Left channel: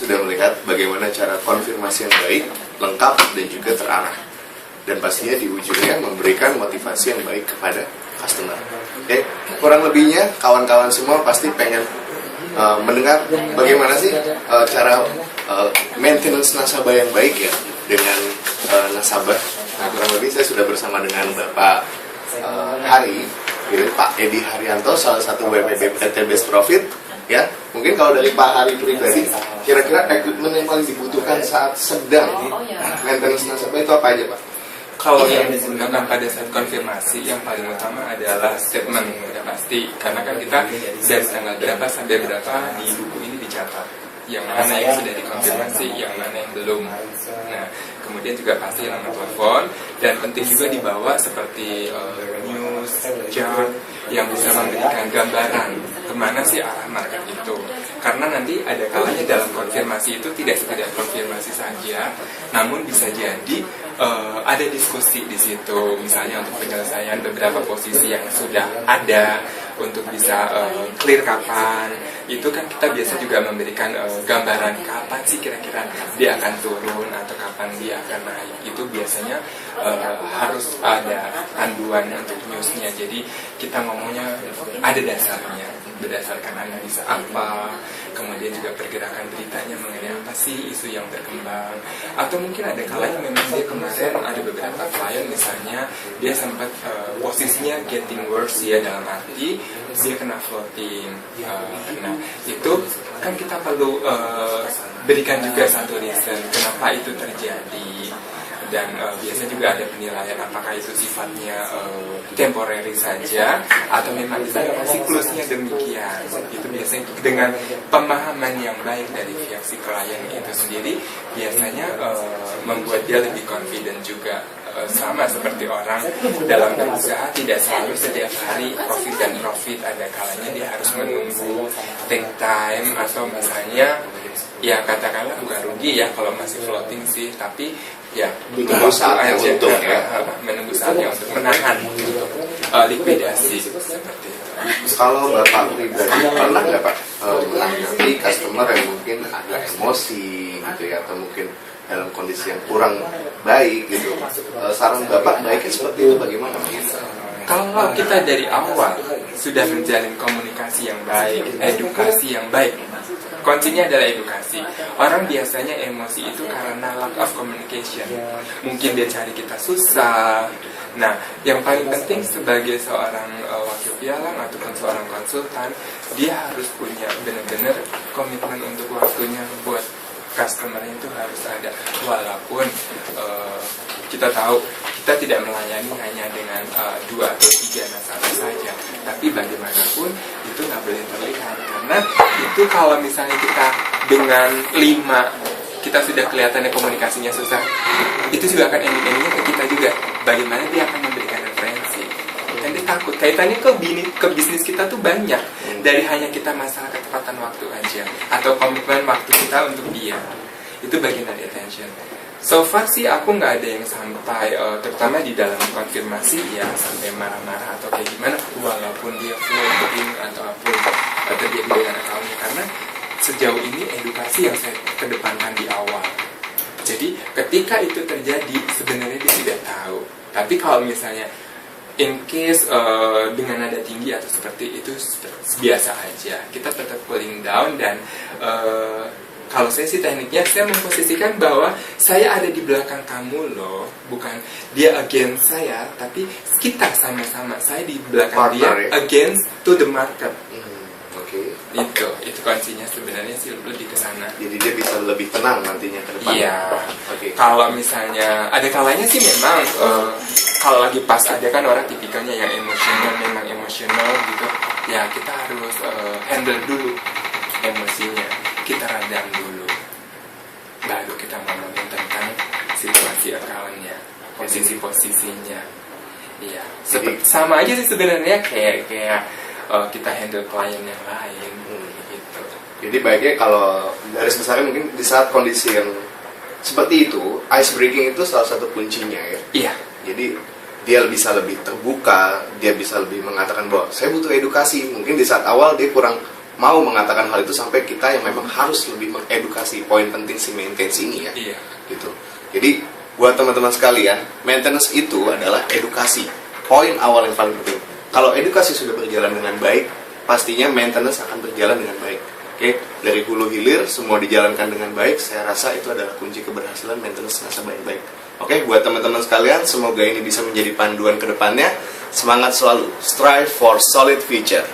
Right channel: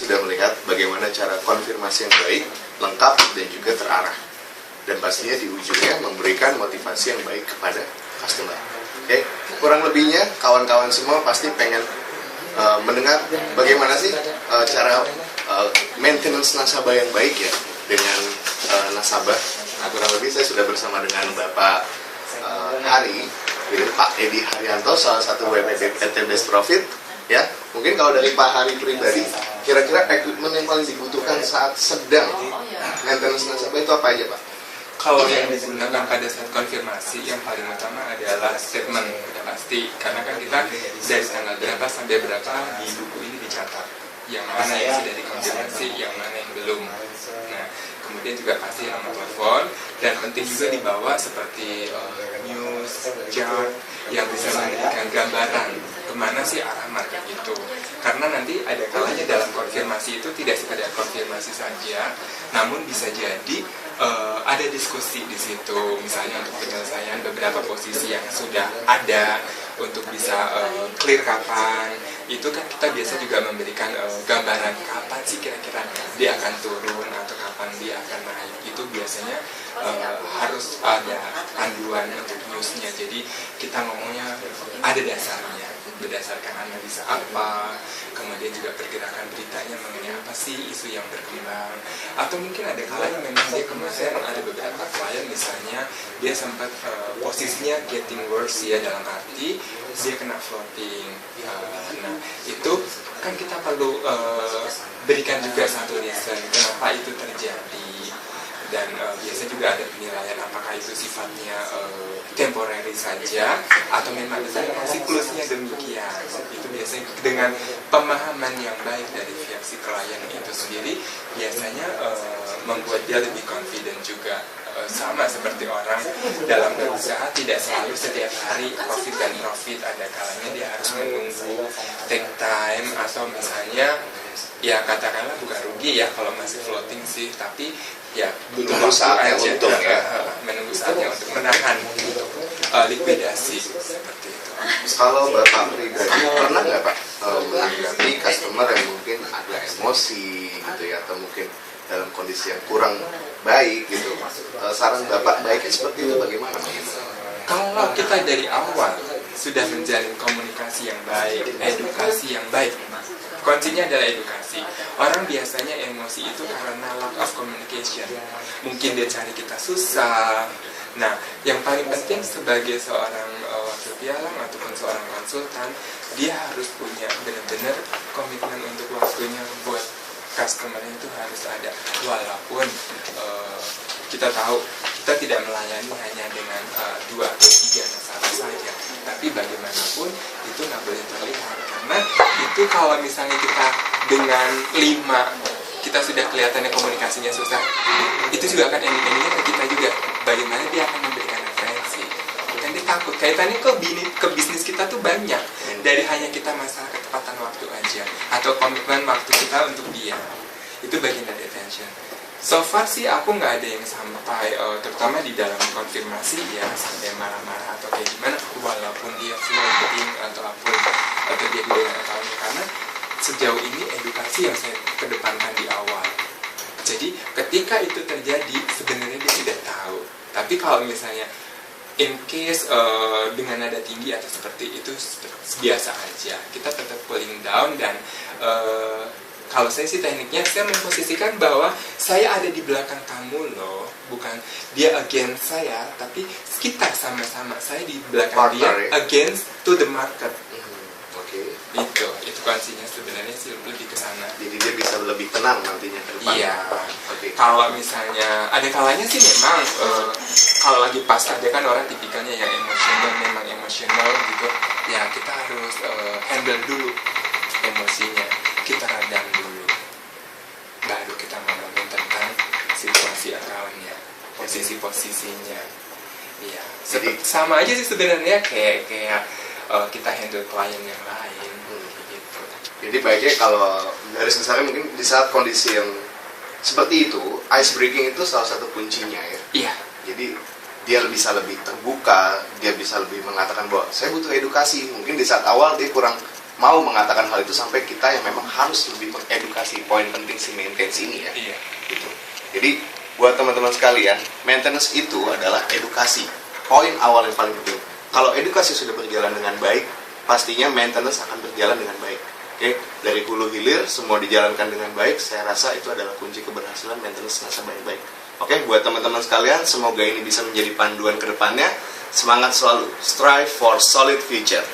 sudah melihat bagaimana cara konfirmasi yang baik, lengkap, dan juga terarah. Dan pastinya di ujungnya memberikan motivasi yang baik kepada customer. Oke, kurang lebihnya kawan-kawan semua pasti pengen mendengar bagaimana sih cara maintenance nasabah yang baik ya dengan nasabah. Nah, kurang lebih saya sudah bersama dengan Bapak Hari, gitu, Pak Edi Haryanto, salah satu WPP PT Best Profit. Ya, mungkin kalau dari Pak Hari pribadi, kira-kira equipment yang paling dibutuhkan saat sedang maintenance nasabah itu apa aja, Pak? Kalau yang digunakan pada saat konfirmasi, yang paling utama adalah statement, udah pasti. Karena kan kita dari tanggal berapa sampai berapa di buku ini dicatat. Yang mana yang sudah dikonfirmasi, yang mana yang belum. Nah, kemudian juga pasti nomor telepon, dan penting juga dibawa seperti news, chart, yang bisa memberikan gambaran kemana sih arah market itu. Karena nanti ada kalanya dalam konfirmasi itu tidak sekedar konfirmasi saja, namun bisa jadi ada diskusi di situ, misalnya untuk penyelesaian beberapa posisi yang sudah ada untuk bisa clear kapan. Itu kan kita biasa juga memberikan gambaran kapan sih kira-kira dia akan turun atau kapan dia akan naik. Itu biasanya harus ada panduan untuk newsnya. Jadi kita ngomongnya ada dasarnya, berdasarkan analisa apa, kemudian juga pergerakan beritanya mengenai apa sih isu yang berkembang. Atau mungkin ada kalanya memang dia kemarin ada beberapa klien misalnya dia sempat posisinya getting worse ya, dalam arti dia kena floating. Nah itu kan kita perlu berikan juga satu reason kenapa itu terjadi. Dan biasanya juga ada penilaian apakah itu sifatnya temporary saja atau memang siklusnya demikian. Itu biasanya dengan pemahaman yang baik dari pihak si klien itu sendiri biasanya membuat dia lebih confident juga. Sama seperti orang dalam berusaha tidak selalu setiap hari profit dan profit, ada kalanya dia harus menunggu, take time, atau misalnya ya katakanlah bukan rugi ya kalau masih floating sih, tapi ya menunggu saatnya untuk menunggu saatnya untuk menahan untuk likuidasi seperti itu. Kalau Bapak pribadi pernah nggak Pak menghadapi customer yang mungkin agak emosi gitu ya, atau mungkin dalam kondisi yang kurang baik gitu, saran Bapak baiknya seperti itu bagaimana? Kalau kita dari awal sudah menjalin komunikasi yang baik, edukasi yang baik, kuncinya adalah edukasi. Orang biasanya emosi itu karena lack of communication. Mungkin dia cari kita susah. Nah, yang paling penting sebagai seorang wakil pialang ataupun seorang konsultan, dia harus punya benar-benar komitmen untuk waktunya buat customer itu harus ada. Walaupun kita tahu kita tidak melayani hanya dengan 2 atau 3 nasabah saja, tapi bagaimanapun itu nggak boleh terlihat, karena itu kalau misalnya kita dengan 5 kita sudah kelihatannya komunikasinya susah, itu juga akan ending-endingnya ke kita juga. Bagaimana dia akan memberikan referensi, kan dia takut kaitannya ke bisnis kita tuh banyak dari hanya kita masalah ketepatan waktu aja atau komitmen waktu kita untuk dia. Itu bagian dari attention. So far sih aku nggak ada yang sampai terutama di dalam konfirmasi ya sampai marah-marah atau kayak gimana, walaupun dia floating atau apapun terjadi dengan accountnya, karena sejauh ini edukasi yang saya kedepankan di awal. Jadi ketika itu terjadi sebenarnya dia tidak tahu. Tapi kalau misalnya in case dengan nada tinggi atau seperti itu biasa aja, kita tetap pulling down dan kalau saya sih tekniknya saya memposisikan bahwa saya ada di belakang kamu loh, bukan dia against saya, tapi kita sama-sama, saya di belakang dia against to the market. Itu kuncinya sebenarnya sih lebih ke sana. Jadi dia bisa lebih tenang nantinya ke depan. Iya. Kalau misalnya ada kalanya sih memang kalau lagi pas ada kan orang tipikalnya yang emosional, memang emosional gitu. Ya kita harus handle dulu emosinya, kita redam dulu, baru kita ngomongin tentang situasi accountnya, posisinya. Iya. Sama aja sih sebenarnya kayak kita handle klien yang lain. Gitu. Jadi baiknya kalau dari misalnya mungkin di saat kondisi yang seperti itu, ice breaking itu salah satu kuncinya ya. Iya. Jadi dia bisa lebih terbuka, dia bisa lebih mengatakan bahwa saya butuh edukasi. Mungkin di saat awal dia kurang mau mengatakan hal itu sampai kita yang memang harus lebih mengedukasi poin penting si maintenance ini ya. Iya. Gitu. Jadi buat teman-teman sekalian, maintenance itu adalah edukasi. Poin awal yang paling penting. Kalau edukasi sudah berjalan dengan baik, pastinya maintenance akan berjalan dengan baik. Oke, dari hulu hilir semua dijalankan dengan baik. Saya rasa itu adalah kunci keberhasilan maintenance nasabah yang baik. Oke, buat teman-teman sekalian, semoga ini bisa menjadi panduan ke depannya. Semangat selalu, strive for solid future.